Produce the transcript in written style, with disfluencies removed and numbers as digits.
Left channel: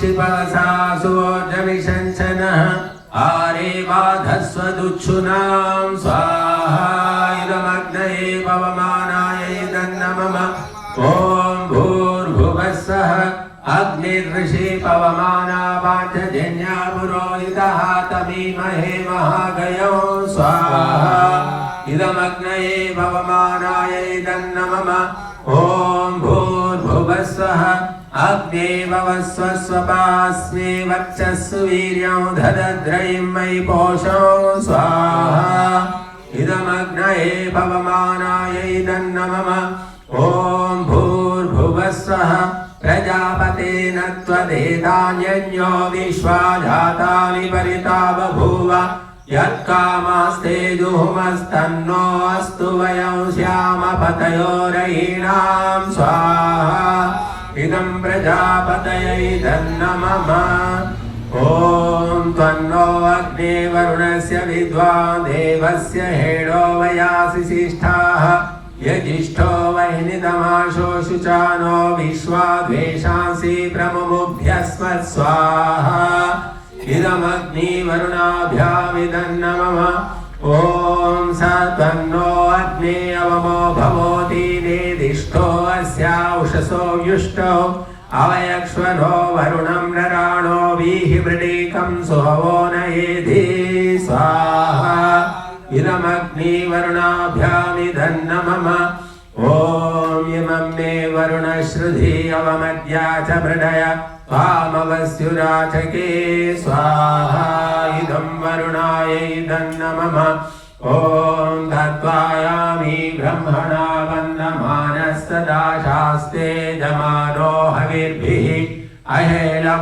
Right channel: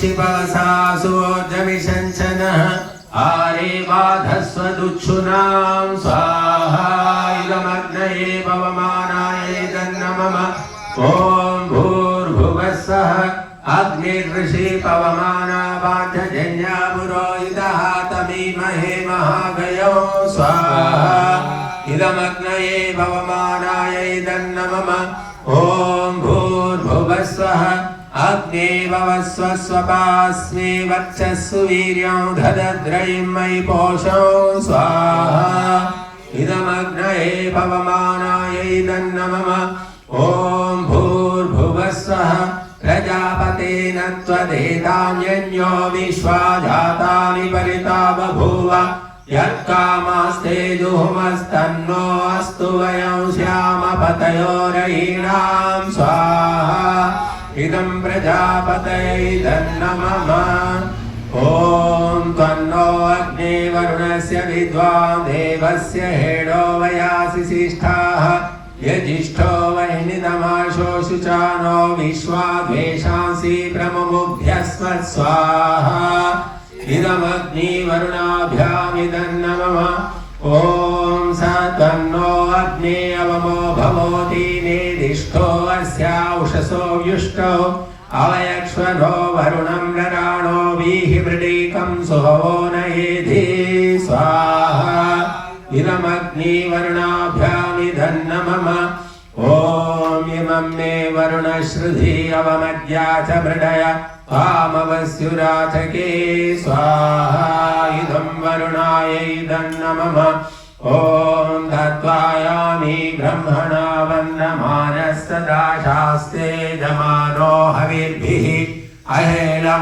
शिवसासुर्जविशंसनः आरे बाधस्वदुच्छुनां स्वाहा इदमग्नये पवमानाय दन्नमम ॐ भूर्भुवस्सः अग्निर्ऋषि पवमाना वाचजन्या पुरोहितः तमीमहे महागयो स्वाहा इदमग्नये पवमानाय दन्नमम ॐ भूर्भुवस्सः अग्ने ववस्व स्वपास्मे वर्चस्सु वीर्यं ददद्रयिं मयि पोषौ स्वाहा इदमग्नये पवमानाय दन्नमम ॐ भूर्भुवस्वः प्रजापतेन त्वदेतान्यन्यो विश्वा जातानि परिता बभूव यत्कामास्ते जुहुमस्तन्नो अस्तु वयं श्यामपतयोरयीणां स्वाहा इदं प्रजापतये दन्नमम ॐ त्वन्नो अग्ने वरुणस्य विद्वान् देवस्य हेडो वयासि सिष्ठाः यजिष्ठो वह्नितमाशोषुचानो विश्वा द्वेषांसि प्रमुमुभ्यस्म स्वाहा इदमग्नि वरुणाभ्यामिदन्नमम ॐ स तन्नो अग्ने अवमो भवोति नेदिष्ठो अस्याउषसो व्युष्टो अवयक्ष्वनो वरुणं नराणो वीहिवृडीकं सुहवो नयेधि स्वाहा इदमग्नि वरुणाभ्यामिदन्नमम ॐ इमं मे वरुणश्रुधि अवमद्या च मृडय वामवस्युराचके स्वाहा इदं वरुणायै दन्नमम ॐ दत्वायामि ब्रह्मणा वन्दमानस्तदा शास्ते दमानो हविर्भिः अहेलमा